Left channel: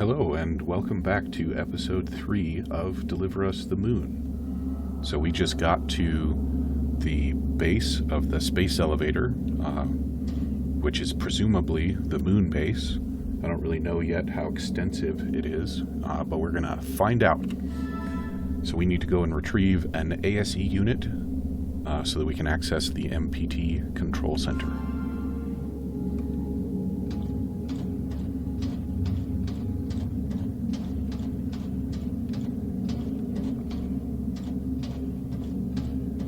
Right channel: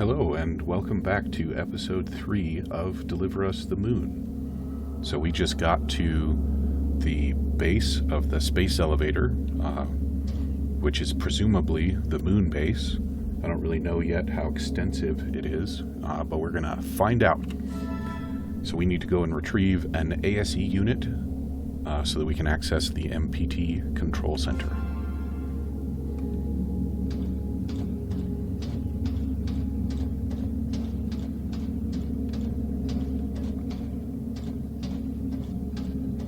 Hello, and welcome back to episode 3 of Deliver Us the Moon. So we just got to the base of the space elevator, which is presumably the moon base. I don't really know yet how extensive it is, but we're going to find out. So we need to go and retrieve an ASE unit so that we can access the MPT control center.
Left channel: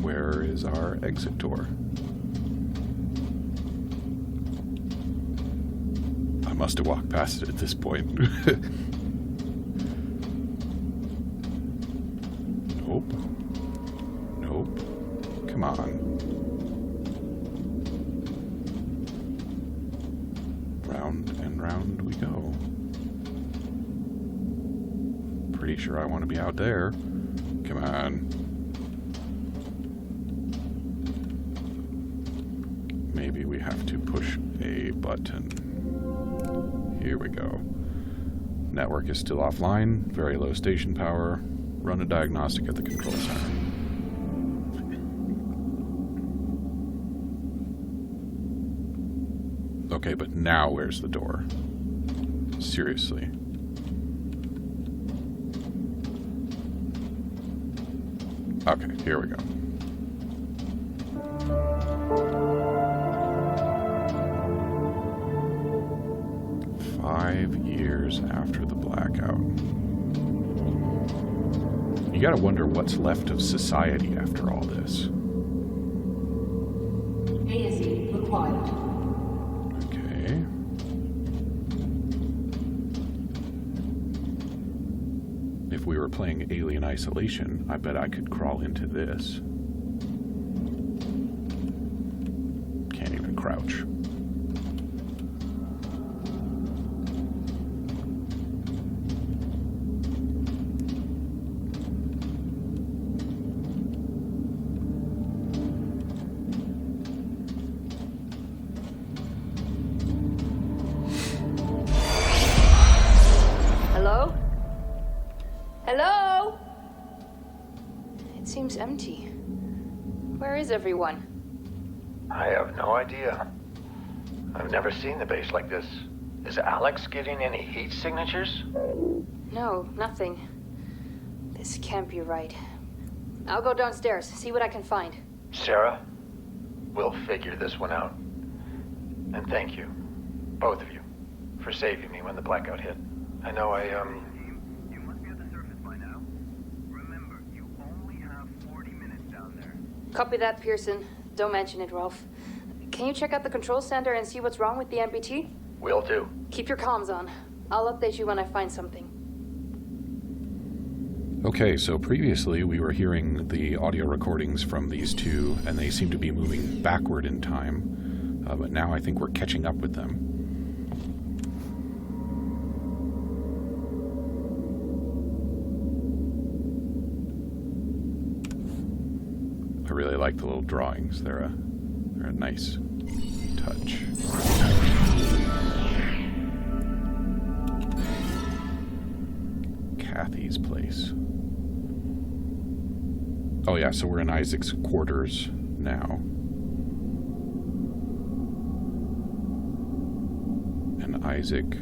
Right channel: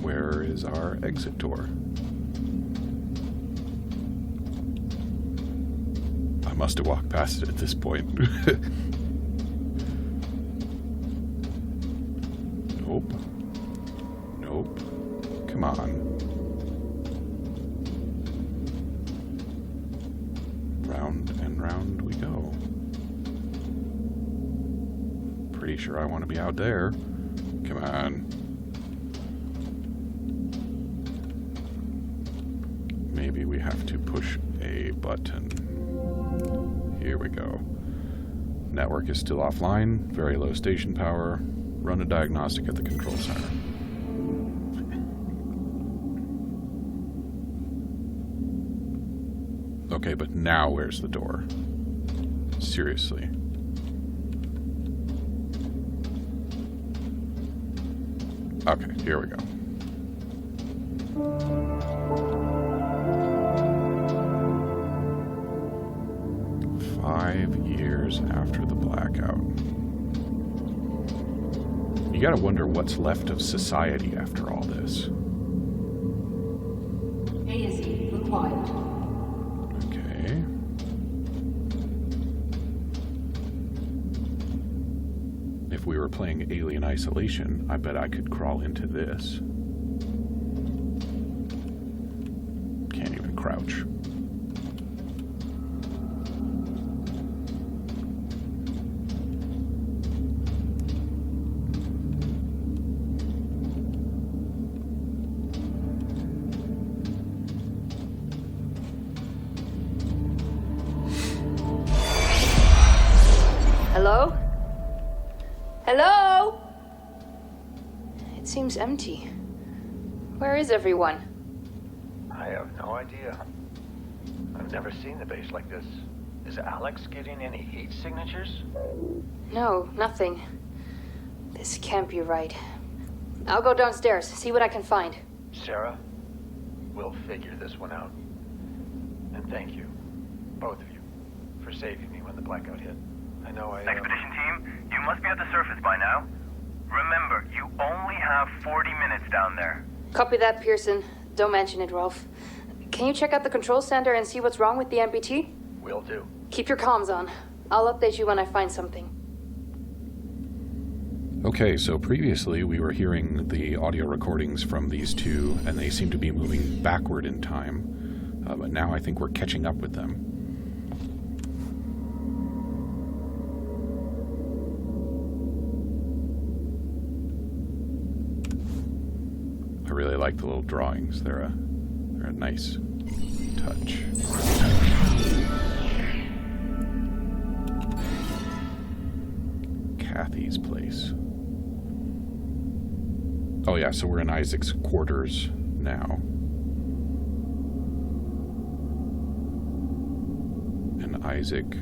Where is our exit door? I must have walked past it at this point. Nope. Nope. Come on. Round and round we go. Pretty sure I want to be out there. Come on. Maybe we have to push a button. Here we go. Network is still offline. Very low station power. Run a diagnostic at the control center. Okay, but now where's the door? Seriously. Okay, here we go. "5 years after the blackout." You gotta wonder what's left of society after all this. ASE required. Okay. If we were playing Alien Isolation, I bet I could crawl into this. Can't even crouch. Hello? Hello? It seems empty. Where is everyone? I have no idea. I've never seen the base like this. Is Alex getting any heat signatures? No, nothing. This can't be right. I'll go downstairs, see what I can find. Sarah, we'll figure this one out. And thank you, both of you, for saving me when the blackout hit. I know Expedition team, you must be at the surface by now. Remember, you only have 40 minutes down there. Copy that, Pearson. Don't mention it, Rolf. Can you check out the control center and see what's wrong with the MPT? Will do. Keep your comms on. I'll update you when I find something. Okay, so previously we were hearing the audio recordings from these two, and they seem to be moving backward in time. But now I think we're catching up with them. I really like the little drawings. They're a nice touch. Kathy's place. Oh yeah, so we're in Isaac's quarters now. And Isaac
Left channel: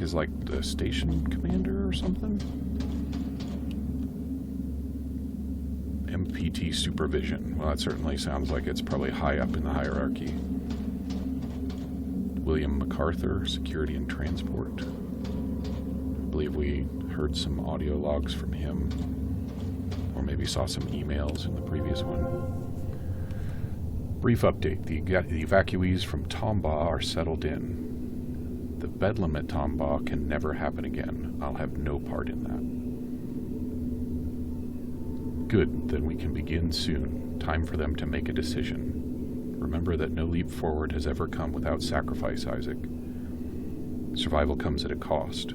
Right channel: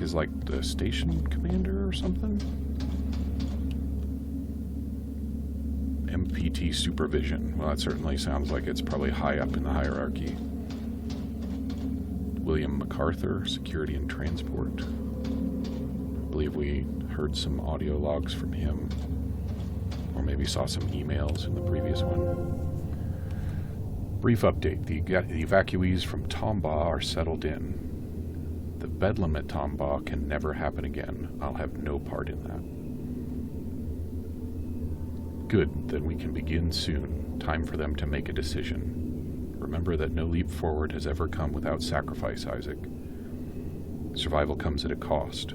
is like the station commander or something? MPT supervision. Well, that certainly sounds like it's probably high up in the hierarchy. William MacArthur, security and transport. I believe we heard some audio logs from him, or maybe saw some emails in the previous one. Brief update. The evacuees from Tombaugh are settled in. The bedlam at Tombaugh can never happen again. I'll have no part in that. Good, then we can begin soon. Time for them to make a decision. Remember that no leap forward has ever come without sacrifice, Isaac. Survival comes at a cost.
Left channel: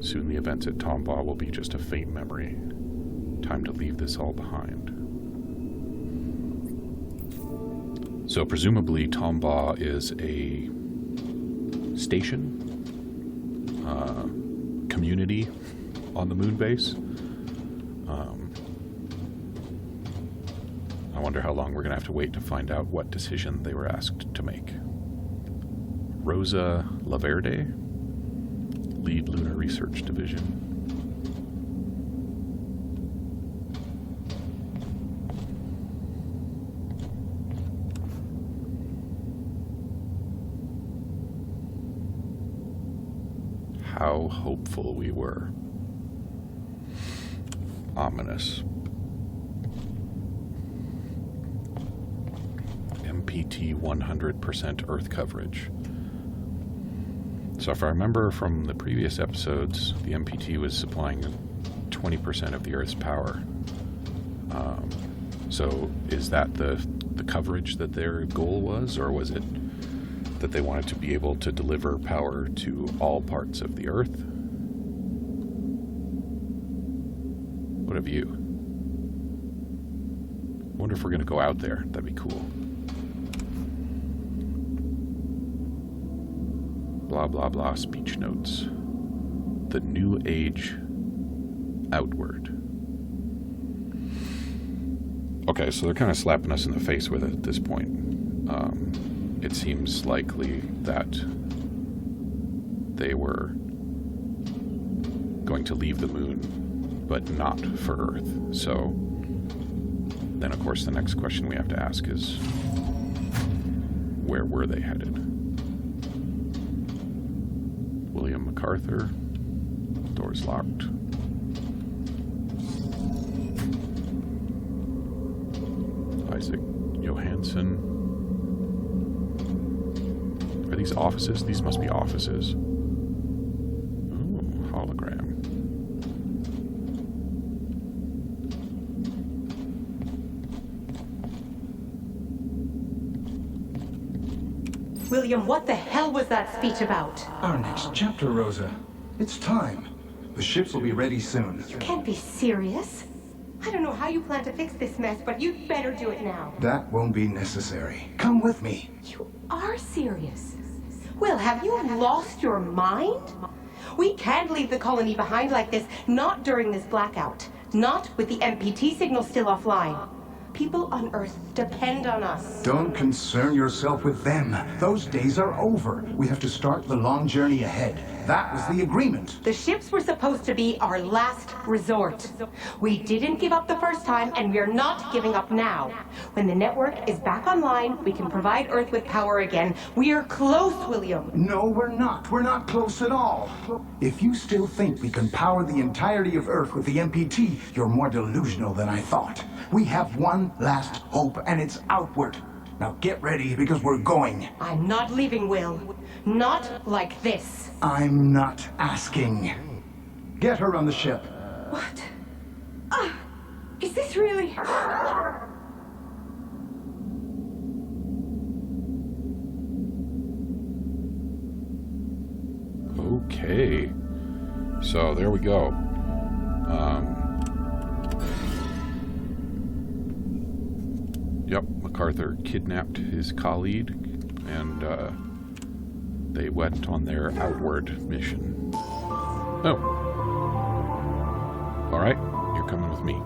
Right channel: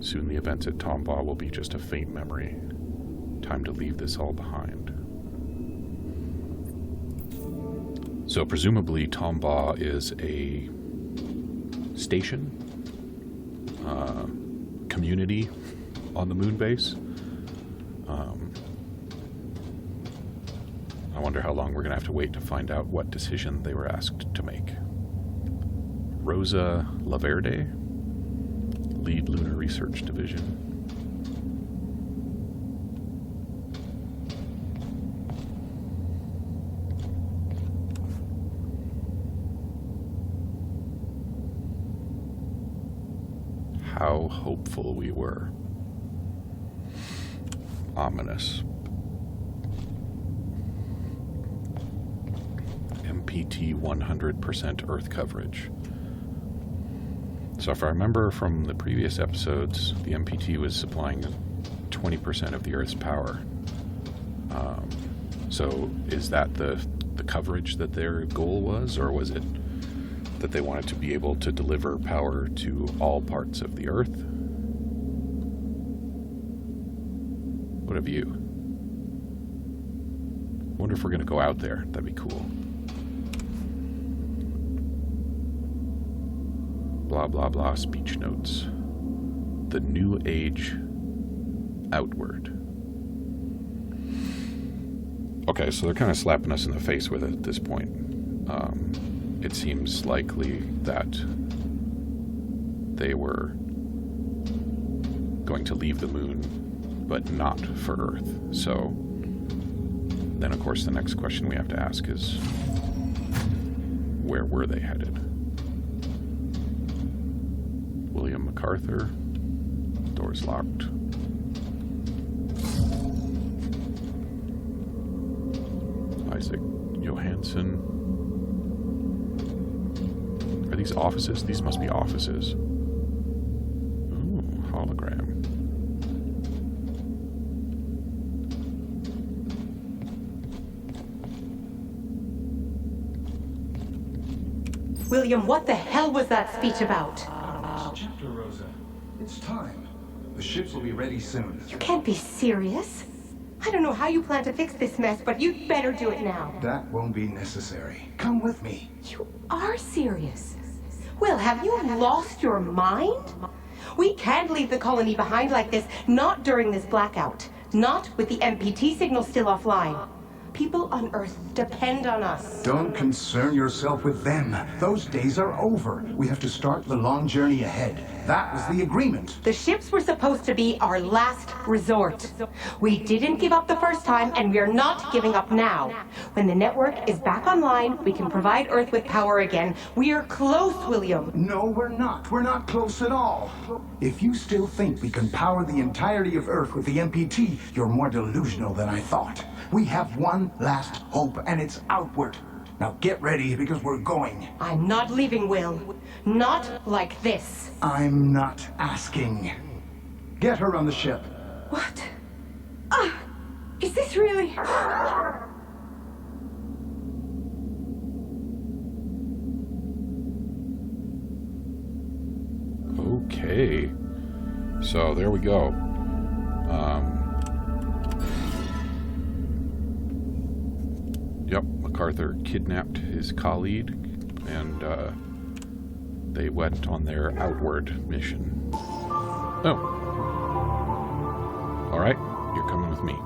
Soon the events at Tombaugh will be just a faint memory. Time to leave this all behind. So presumably Tombaugh is a station community on the moon base. I wonder how long we're going to have to wait to find out what decision they were asked to make. Rosa Laverde, lead Lunar Research Division. How hopeful we were. Ominous. MPT 100% Earth coverage. So if I remember from the previous episodes, the MPT was supplying 20% of the Earth's power. So is that the coverage that their goal was, or was it that they wanted to be able to deliver power to all parts of the Earth? What have you? I wonder if we're going to go out there. That'd be cool. Blah, blah, blah, speech notes. The New Age Outward. Okay, so they're kind of slapping us in the face with it at this point. It seems likely that they were going to leave the moon, but not for Earth. So then, of course, the next question we have to ask is, where were they headed? William MacArthur. Door's locked. Isaac Johansson. Are these offices? These must be offices. Ooh, hologram. William, what the hell was that speech about? Our next chapter, Rosa. It's time. The ships will be ready soon. You can't be serious. I don't know how you plan to fix this mess, but you'd better do it now. That won't be necessary. Come with me. You are serious. Will, have you lost your mind? We can't leave the colony behind like this, not during this blackout. Not with the MPT signal still offline. People on Earth depend on us. Don't concern yourself with them. Those days are over. We have to start the long journey ahead. That was the agreement. The ships were supposed to be our last resort. We didn't give up the first time, and we're not giving up now. When the network is back online, we can provide Earth with power again. We are close, William. No, we're not. We're not close at all. If you still think we can power the entirety of Earth with the MPT, you're more delusional than I thought. We have one last hope, and it's outward. Now get ready, because we're going. I'm not leaving, Will. Not like this. I'm not asking. Get her on the ship. What? Is this really... Okay. So there we go. Yep, MacArthur kidnapped his colleague, and they went on their outward mission. Oh. Alright, you're coming with me.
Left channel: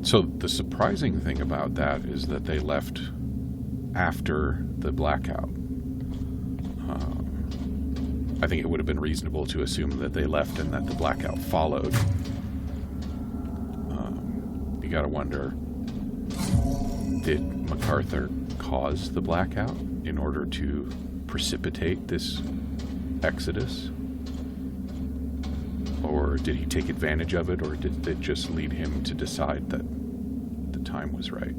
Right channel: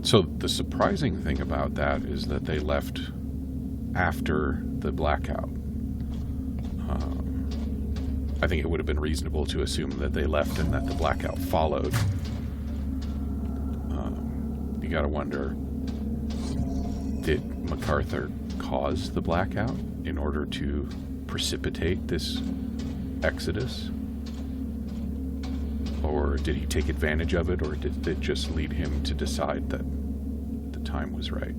So the surprising thing about that is that they left after the blackout. I think it would have been reasonable to assume that they left and that the blackout followed. You gotta wonder, did MacArthur cause the blackout in order to precipitate this exodus? Or did he take advantage of it, or did it just lead him to decide that the time was right?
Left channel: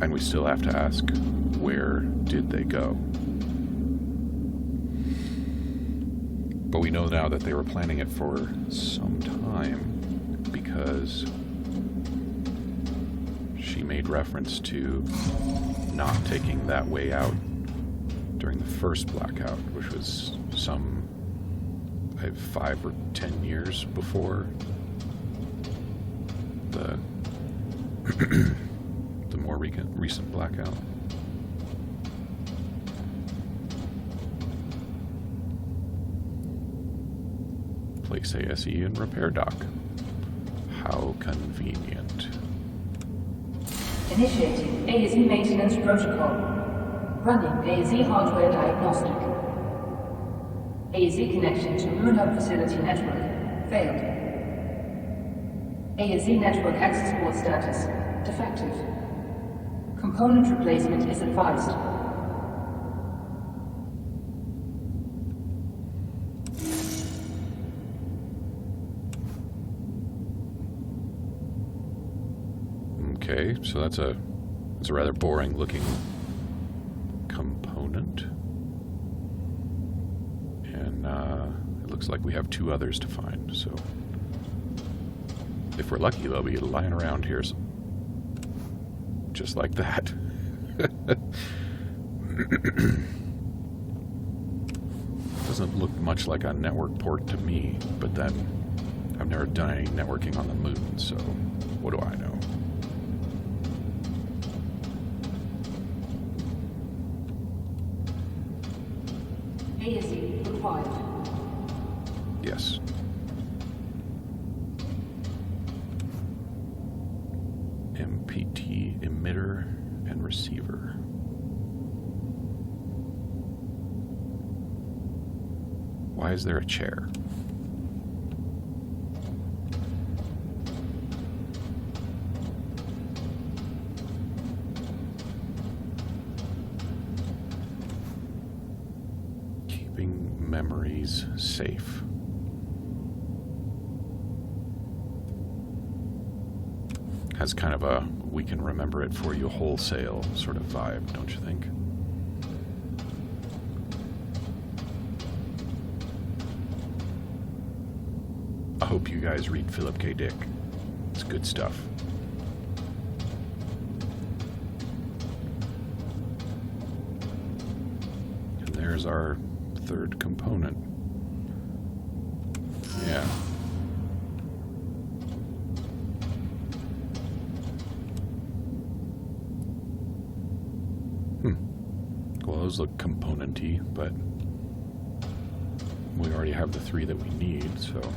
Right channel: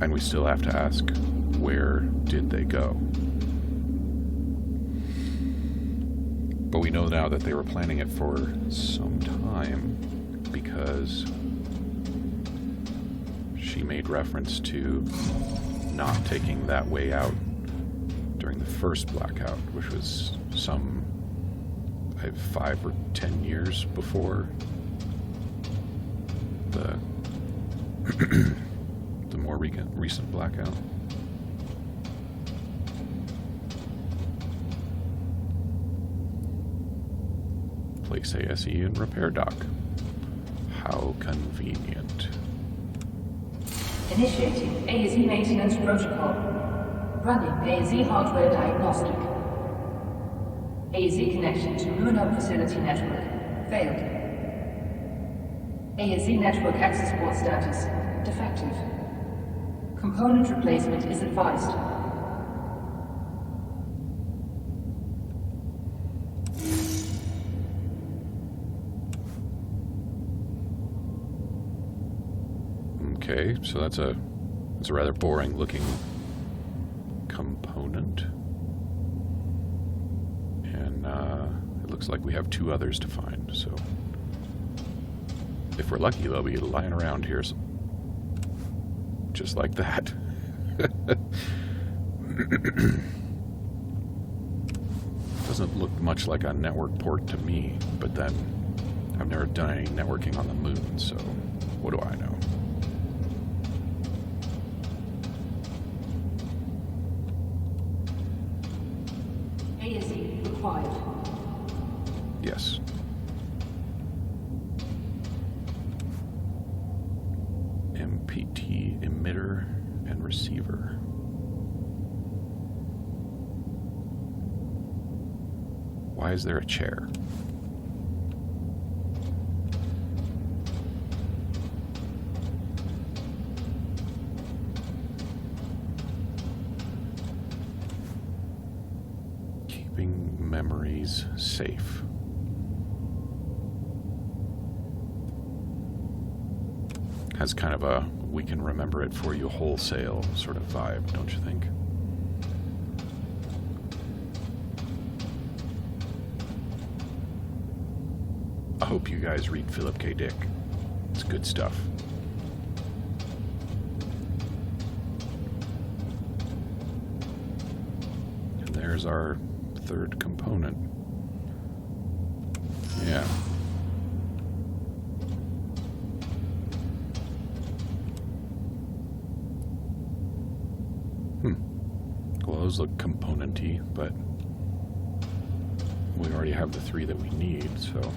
And we still have to ask, where did they go? But we know now that they were planning it for some time, because she made reference to not taking that way out during the first blackout, which was some 5 or 10 years before the the more recent Blackout. Place ASE in repair dock. How convenient. Initiating ASE maintenance protocol. Running ASE hardware diagnostic. ASE connection to Moon Hub facility network. Failed. ASE network access port status. Defective. Component replacement is advised. Okay, so that's a rather boring looking component. And it looks like we have 2 others to find, so if we're lucky they'll be lying around here just like that. Doesn't look much like a network port to me, but then I've never done any networking on the moon, so what do I know? ASE required. Yes. MPT emitter and receiver. Why is there a chair? Keeping memories safe. Has kind of a we can remember it for you wholesale sort of vibe, don't you think? I hope you guys read Philip K. Dick. It's good stuff. And there's our 3rd component. Yeah. Well, those look component-y, but we already have the 3 that we need, so...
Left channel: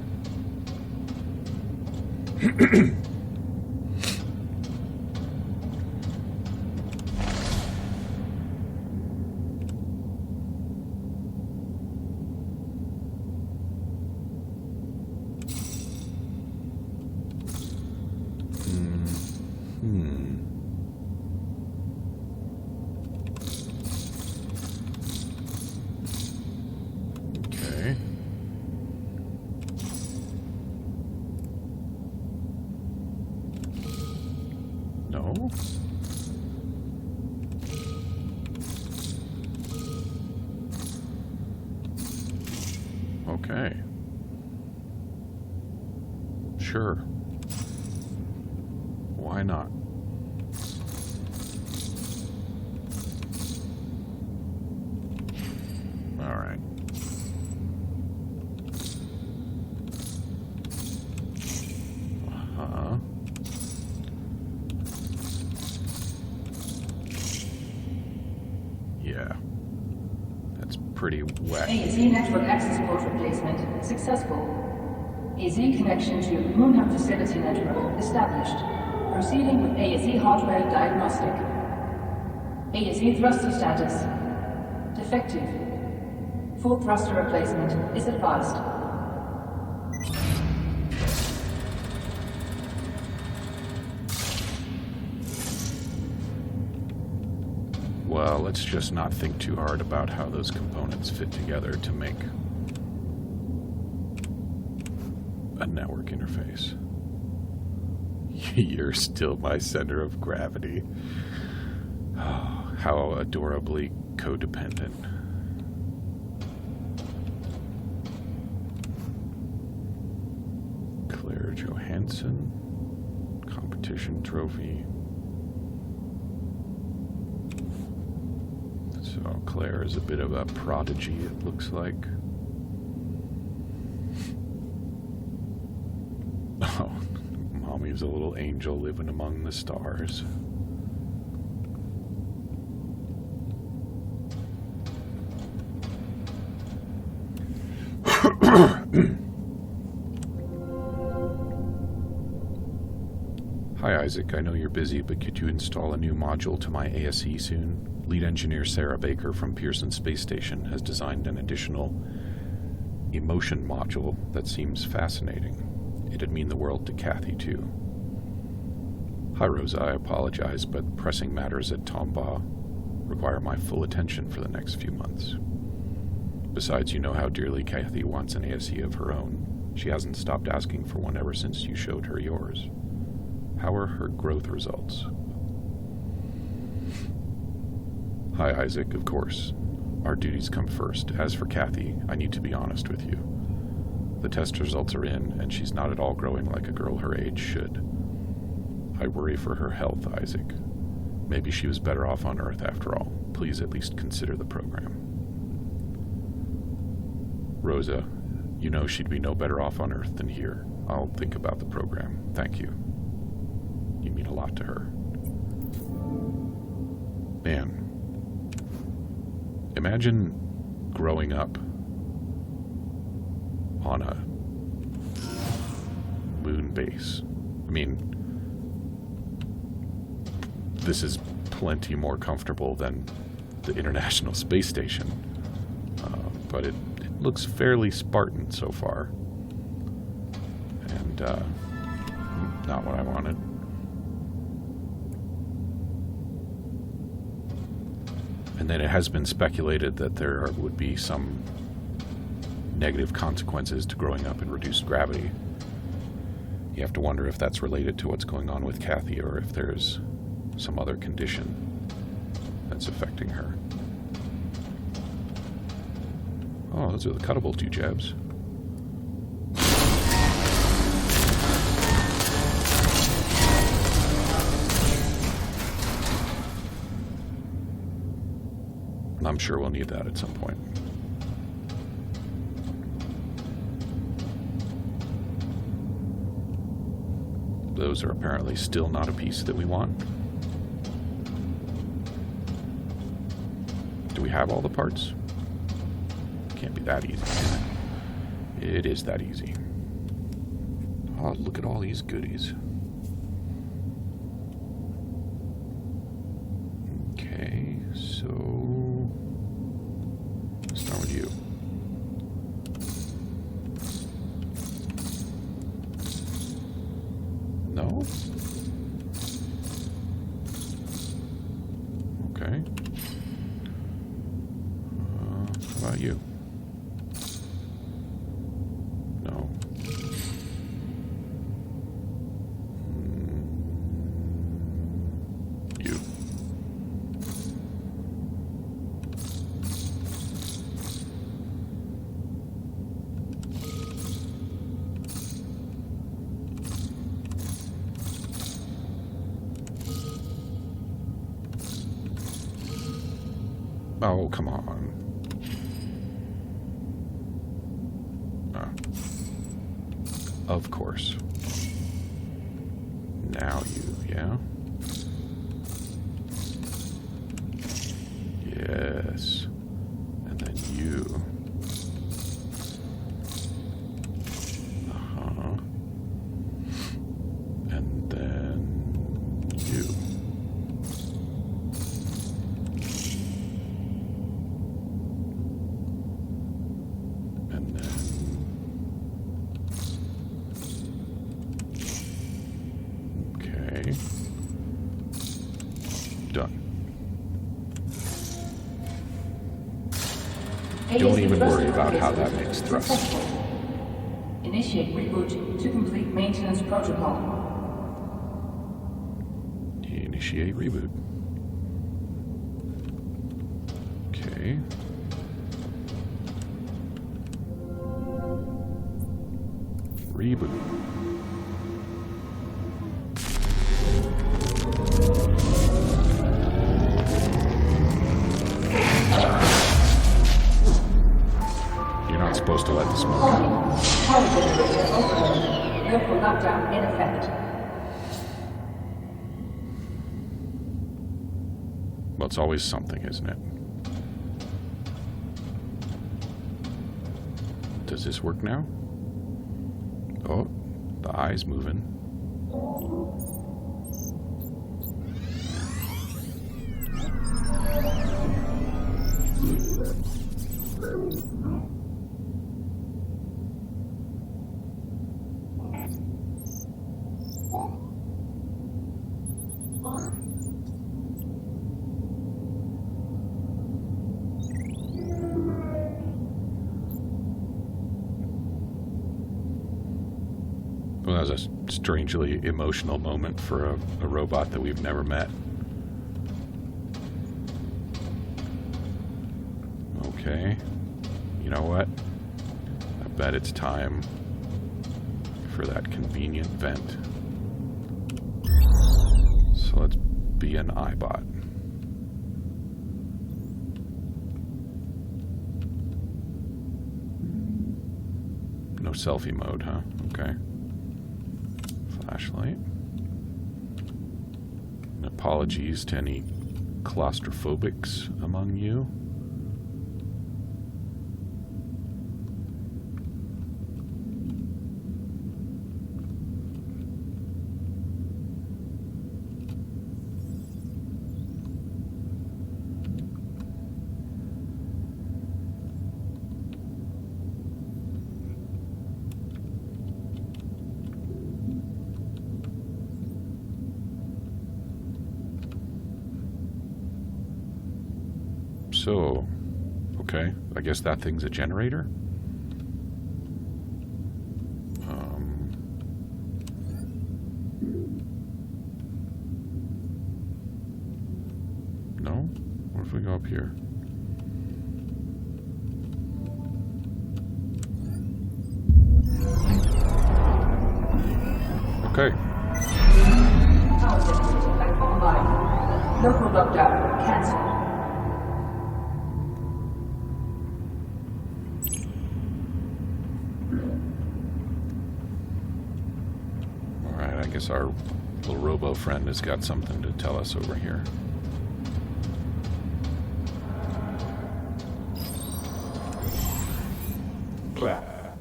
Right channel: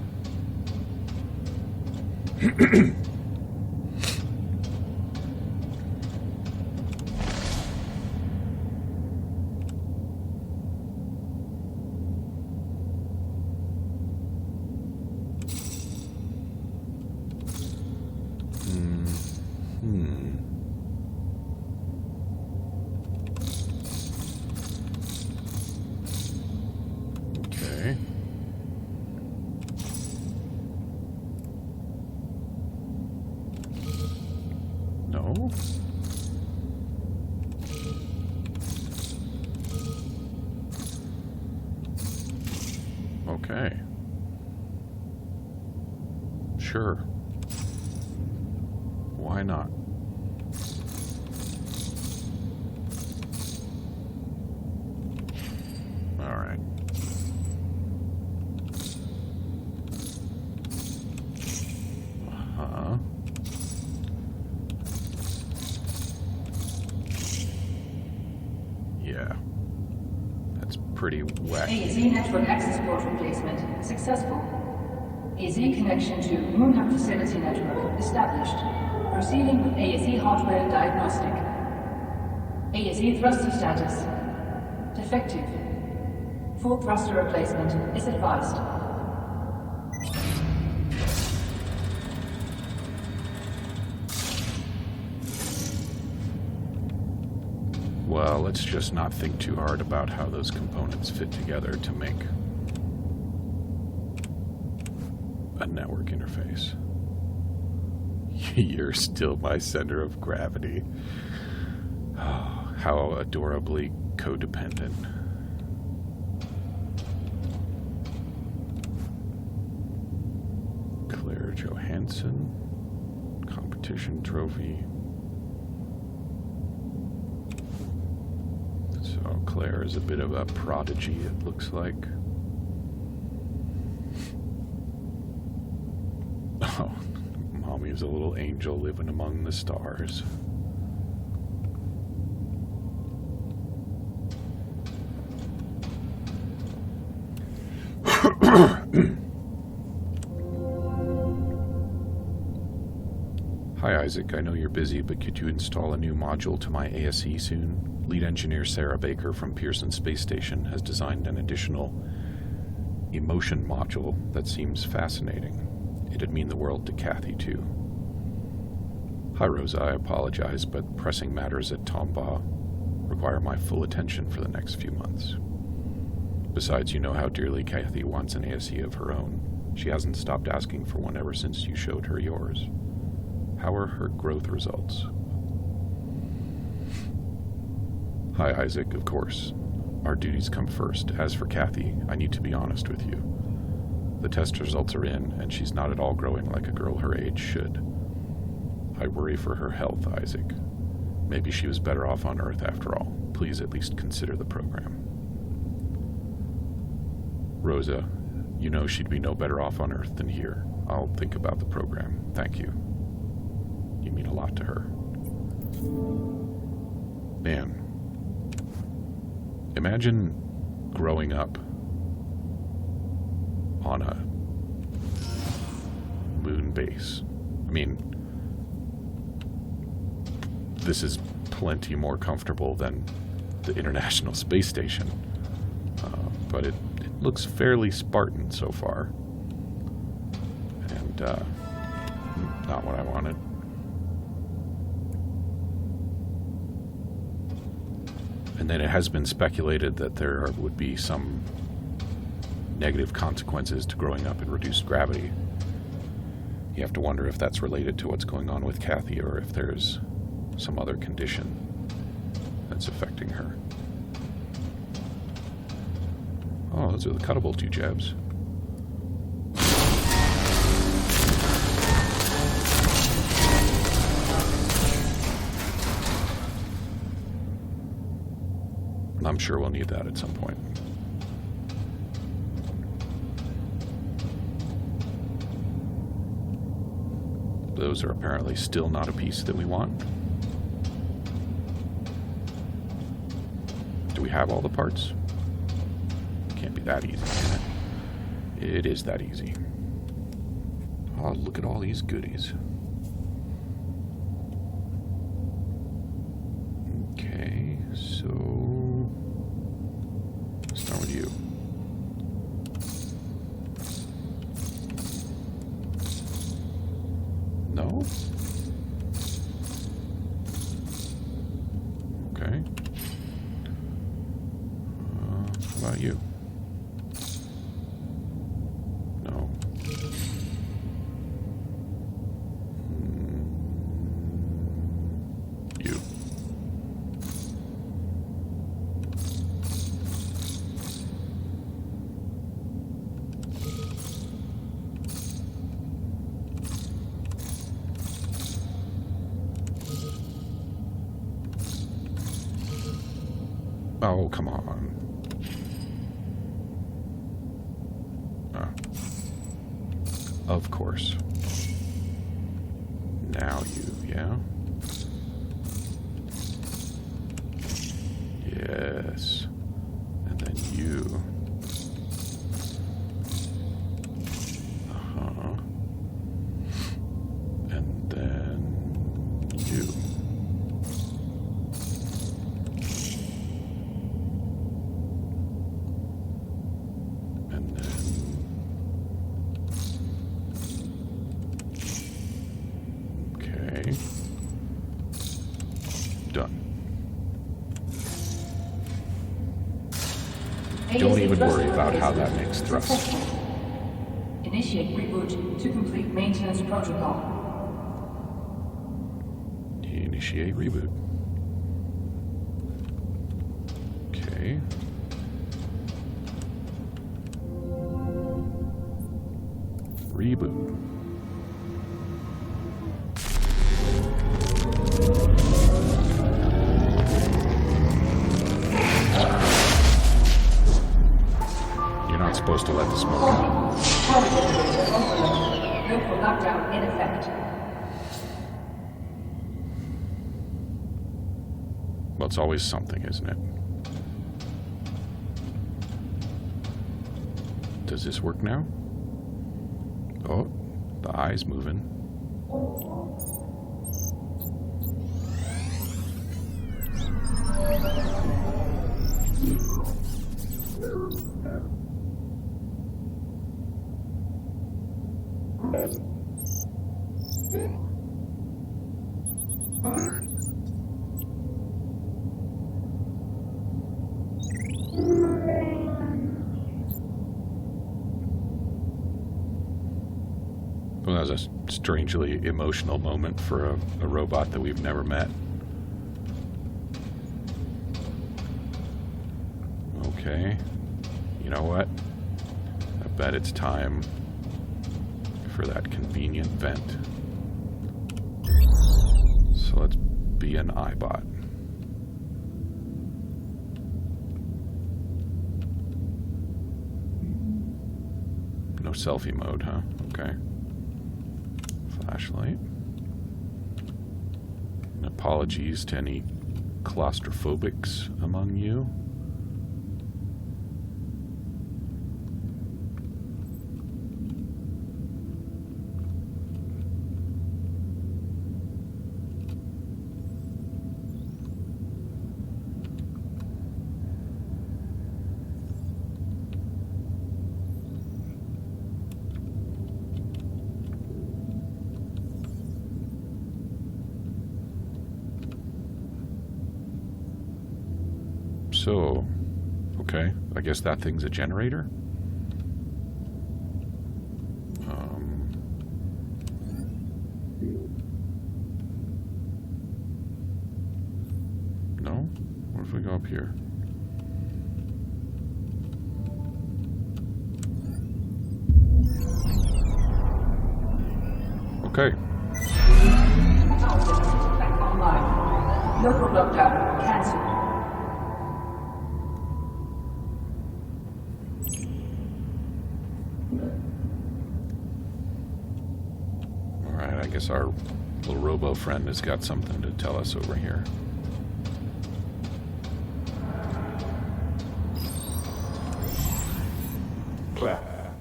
Okay. No? Okay. Sure. Why not? All right. Uh-huh. Yeah. That's pretty wacky. ASE network access port replacement successful. ASE connection to Moon Hub facility network established. Proceeding with ASE hardware diagnostic. ASE thruster status defective. Full thruster replacement is advised. Well, let's just not think too hard about how those components fit together to make a network interface. You're still my center of gravity. Oh, how adorably codependent. Claire Johansson, competition trophy. So Claire is a bit of a prodigy, it looks like. Oh, Mommy's a little angel living among the stars. Hi Isaac, I know you're busy, but could you install a new module to my ASE soon? Lead engineer Sarah Baker from Pearson Space Station has designed an additional emotion module that seems fascinating. It'd mean the world to Kathy, too. Hi Rosa, I apologize, but pressing matters at Tombaugh require my full attention for the next few months. Besides, you know how dearly Kathy wants an ASE of her own. She hasn't stopped asking for one ever since you showed her yours. How are her growth results? Hi Isaac, of course. Our duties come first. As for Kathy, I need to be honest with you. The test results are in, and she's not at all growing like a girl her age should. I worry for her health, Isaac. Maybe she was better off on Earth after all. Please at least consider the program. Rosa, you know she'd be no better off on Earth than here. I'll think about the program. Thank you. You mean a lot to her. Man, imagine growing up on a moon base. I mean, this is plenty more comfortable than the International Space Station, but it looks fairly Spartan so far, and not what I wanted. And then it has been speculated that there would be some negative consequences to growing up in reduced gravity. You have to wonder if that's related to what's going on with Kathy, or if there's some other condition that's affecting her. Oh, those are the cuttable 2 jabs. I'm sure we'll need that at some point. Those are apparently still not a piece that we want. Do we have all the parts? Can't be that easy, can it? It is that easy. Oh, look at all these goodies. Okay, so let's start with you. No? Okay. How about you? No. You. Oh, come on. Of course. Now you, yeah? Yes. And then you. Uh-huh. And then you. And then done. Don't even worry about how that makes thrust. Initiate reboot to complete maintenance protocol. Initiate reboot. Okay. Reboot. You're not supposed to let the smoke out. Power generator overload. Local lockdown in effect. Well, it's always something, isn't it? Does this work now? Oh, the eye's moving. Well, that was a strangely emotional moment for a robot that we've never met. Okay. You know what? I bet it's time for that convenient vent. So let's be an iBot. No selfie mode, huh? Okay. Flashlight. And apologies to any claustrophobics among you. So, okay, I guess that thing's a generator? No? What if we go up here? Okay. Power systems are back online. Local lockdown cancelled. Alright, I guess our little robo friend has got something to tell us over here. Claire.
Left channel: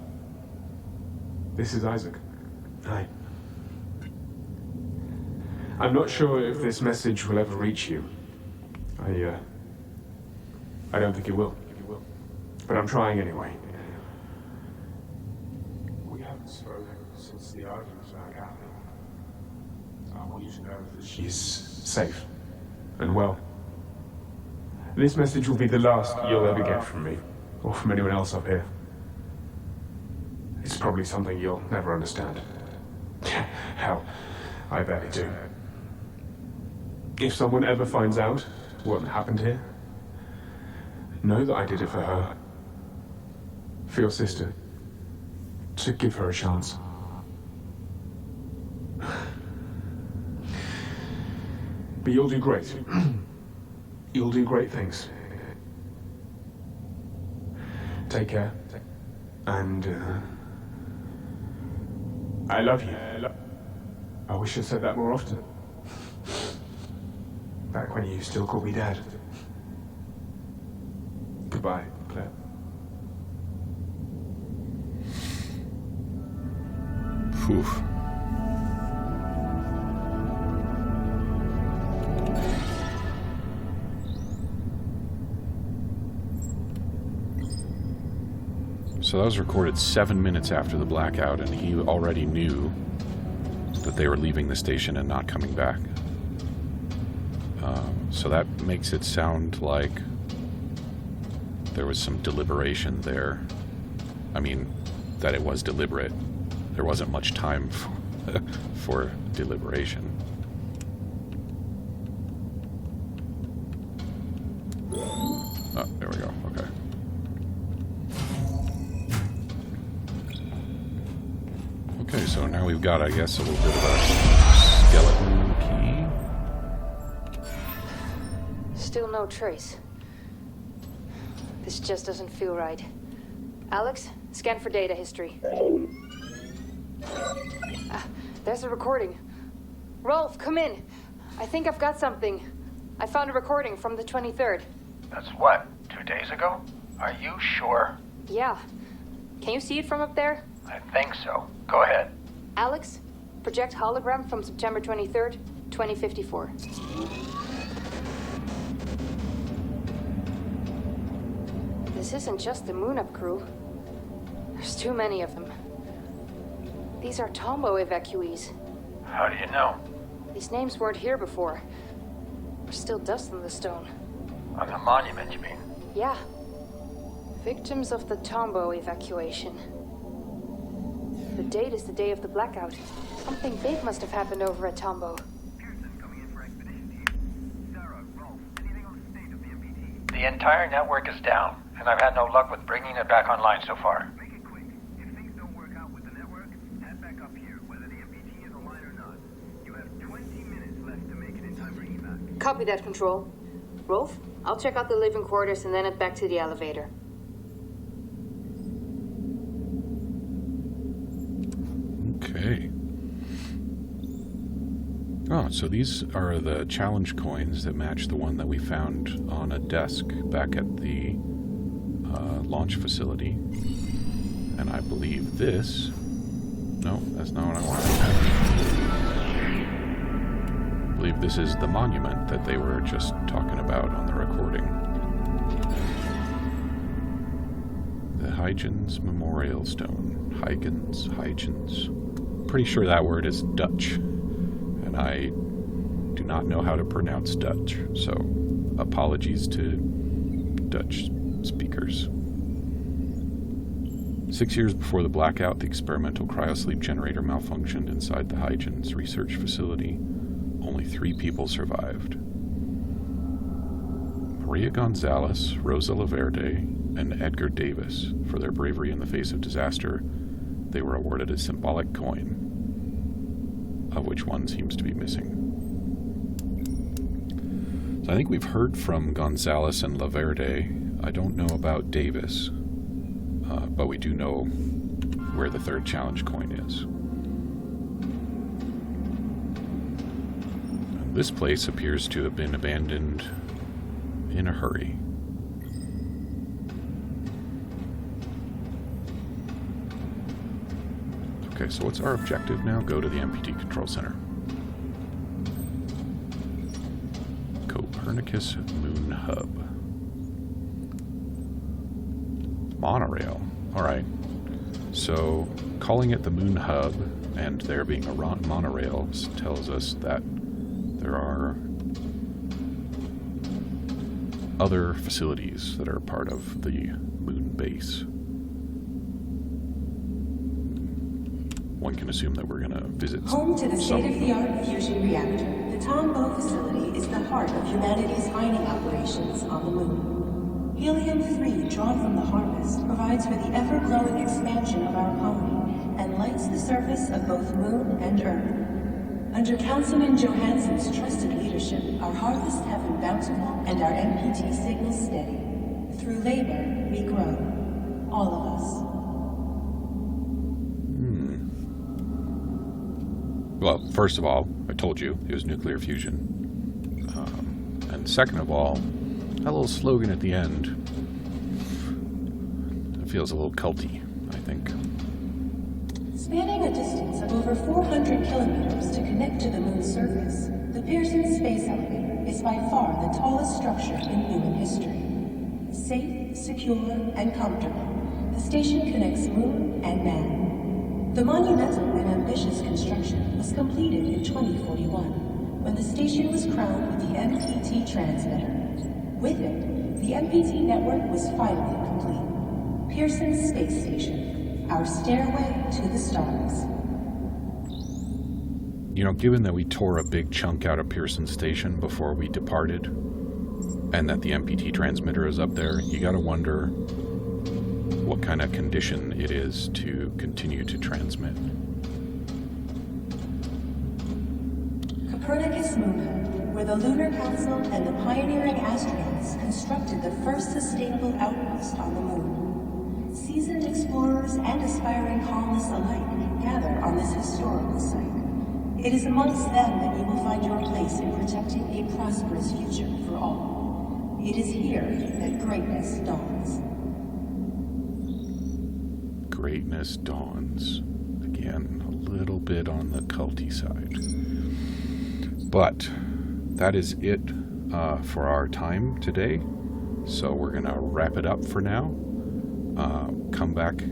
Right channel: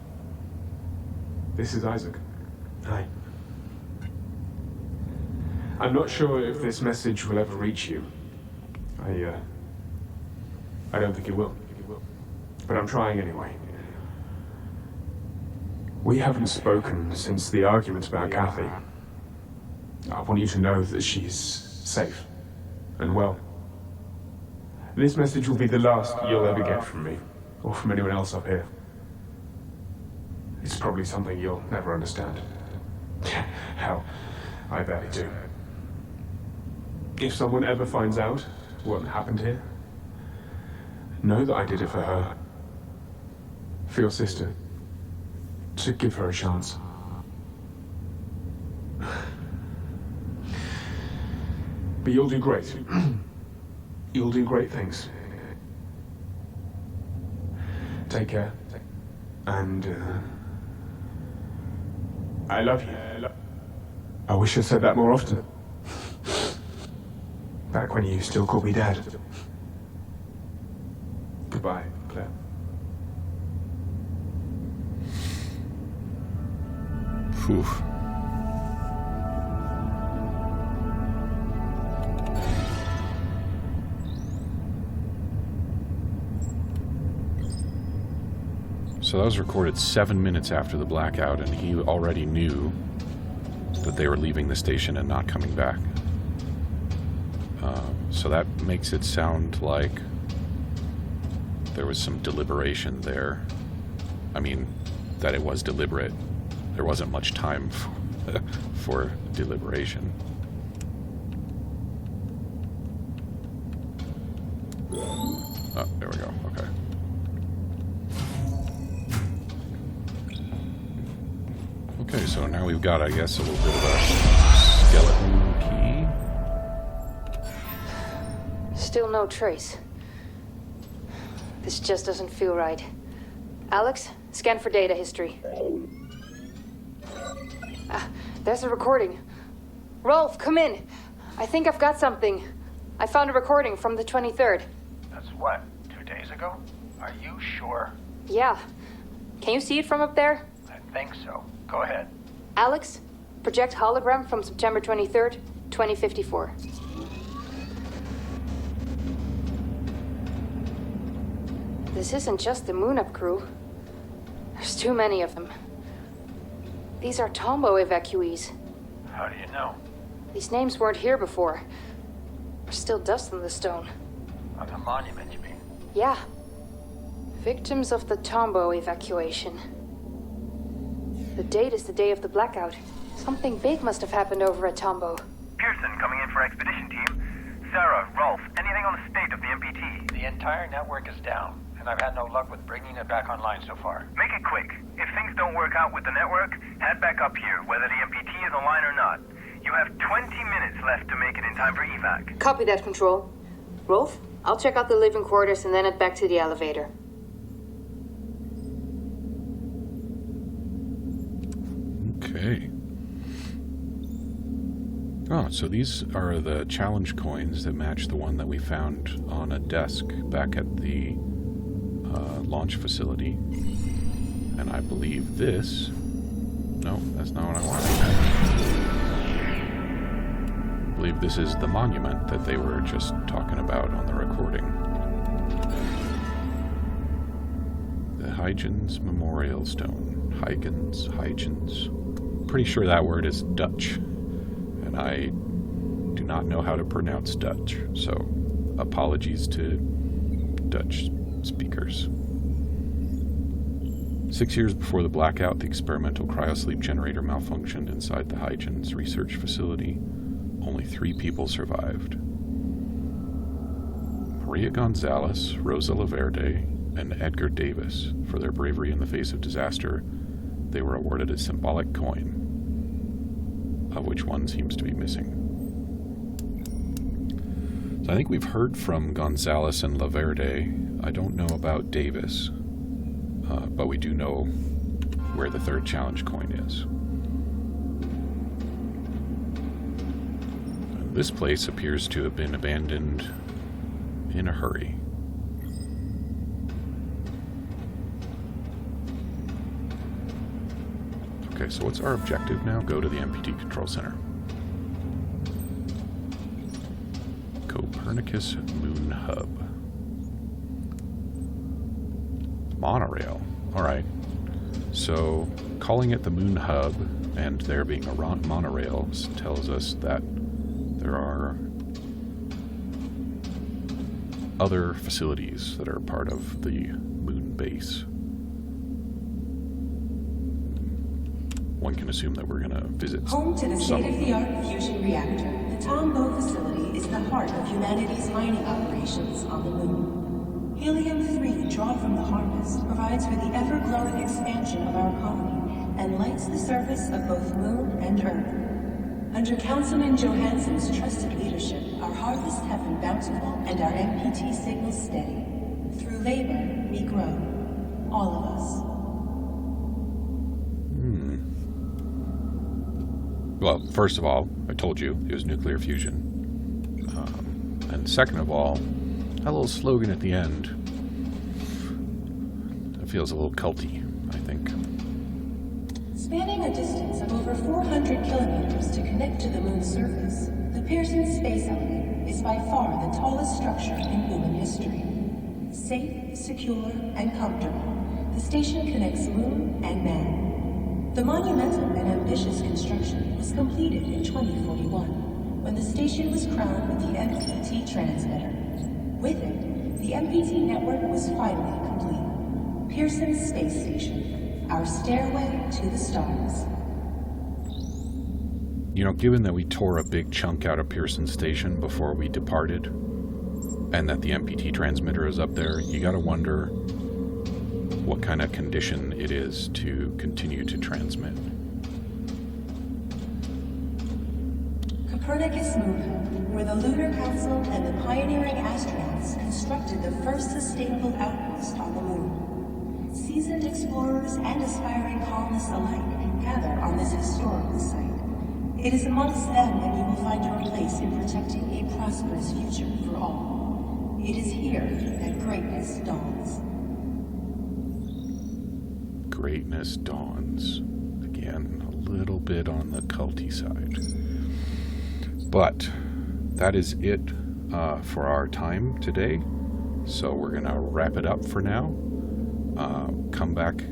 This is Isaac. Hi. I'm not sure if this message will ever reach you. I don't think it will. But I'm trying anyway. We haven't spoken since the argument about Kathy. I want you to know that she's safe and well. This message will be the last you'll ever get from me, or from anyone else up here. It's probably something you'll never understand. Hell, I barely do. If someone ever finds out what happened here, know that I did it for her. For your sister. To give her a chance. But you'll do great. You'll do great things. Take care. And, I love you. I wish I said that more often. Back when you still called me Dad. Goodbye, Claire. Phew. So that was recorded 7 minutes after the blackout, and he already knew that they were leaving the station and not coming back. So that makes it sound like there was some deliberation there. I mean, that it was deliberate. There wasn't much time for deliberation. Oh, there we go. Okay. Okay, so now we've got, I guess, a little bit of a skeleton key. Still no trace. This just doesn't feel right. Alex, scan for data history. There's a recording. Rolf, come in. I think I've got something. I found a recording from the 23rd. That's what, 2 days ago? Are you sure? Yeah. Can you see it from up there? I think so. Go ahead. Alex, project hologram from September 23rd, 2054. This isn't just the Moon-Up crew. There's too many of them. These are Tombo evacuees. How do you know? These names weren't here before. There's still dust on the stone. On the monument, you mean? Yeah. Victims of the Tombo evacuation. The date is the day of the blackout. Something big must have happened over at Tombo. Pearson coming in for expedition team. Sarah, Rolf, anything on the state of the MPT? The entire network is down, and I've had no luck with bringing it back online so far. Make it quick. If things don't work out with the network, head back up here, whether the MPT is online or not. You have 20 minutes left to make it in time for evac. Copy that, Control. Rolf, I'll check out the living quarters and then head back to the elevator. Okay. Oh, so these are the challenge coins that match the one that we found on a desk back at the launch facility. And I believe this... No, that's not what I wanted. I believe this is the monument that they were just talking about on the recording. The Huygens Memorial Stone. Huygens. Pretty sure that word is Dutch. And I do not know how to pronounce Dutch, so apologies to Dutch speakers. 6 years before the blackout, the experimental cryosleep generator malfunctioned inside the Huygens research facility. Only 3 people survived. Maria Gonzalez, Rosa Laverde, and Edgar Davis. For their bravery in the face of disaster, they were awarded a symbolic coin, of which one seems to be missing. So I think we've heard from Gonzalez and Laverde. I don't know about Davis, but we do know where the 3rd challenge coin is. And this place appears to have been abandoned in a hurry. Okay, so what's our objective now? Go to the MPT Control Center. Copernicus Moon Hub. Monorail. Alright. So, calling it the Moon Hub and there being a monorail tells us that there are other facilities that are part of the moon base. One can assume that we're going to visit Home to the some of them. state-of-the-art fusion reactor, the Tombo facility is the heart of humanity's mining operations on the moon. Helium-3 drawn from the harvest provides for the ever-growing expansion of our colony and lights the surface of both Moon and Earth. Under Councilman Johansson's trusted leadership, our harvests have been bountiful and our MPT signals steady. Through labor, we grow. All of us. Well, first of all, I told you it was nuclear fusion. And second of all, that little slogan at the end, it feels a little culty, I think. Spanning a distance of over 400 kilometers to connect to the moon's surface, the Pearson Space Elevator is by far the tallest structure in human history. Safe, secure, and comfortable, the station connects moon and man. The monumental and ambitious construction was completed in 2041, when the station was crowned with the MPT transmitter. With it, the MPT network was finally complete. Pearson Space Station, our stairway to the stars. You know, given that we tore a big chunk out of Pearson Station before we departed, and that the MPT transmitter is up there, you gotta wonder what kind of condition it is to continue to transmit. Copernicus Moon Hub, where the Lunar Council and the pioneering astronauts constructed the first sustainable outpost on the moon. Seasoned explorers and aspiring colonists alike gather on this historical site. It is amongst them that you will find your place in protecting a prosperous future for all. It is here that greatness dawns. greatness dawns. Again, a little bit on the culty side. But that is it for our time today. So we're going to wrap it up for now. Come back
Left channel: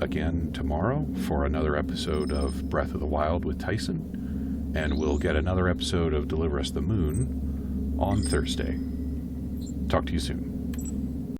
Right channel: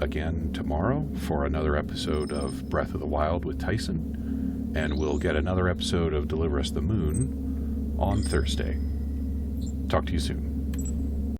again tomorrow for another episode of Breath of the Wild with Tyson. And we'll get another episode of Deliver Us the Moon on Thursday. Talk to you soon.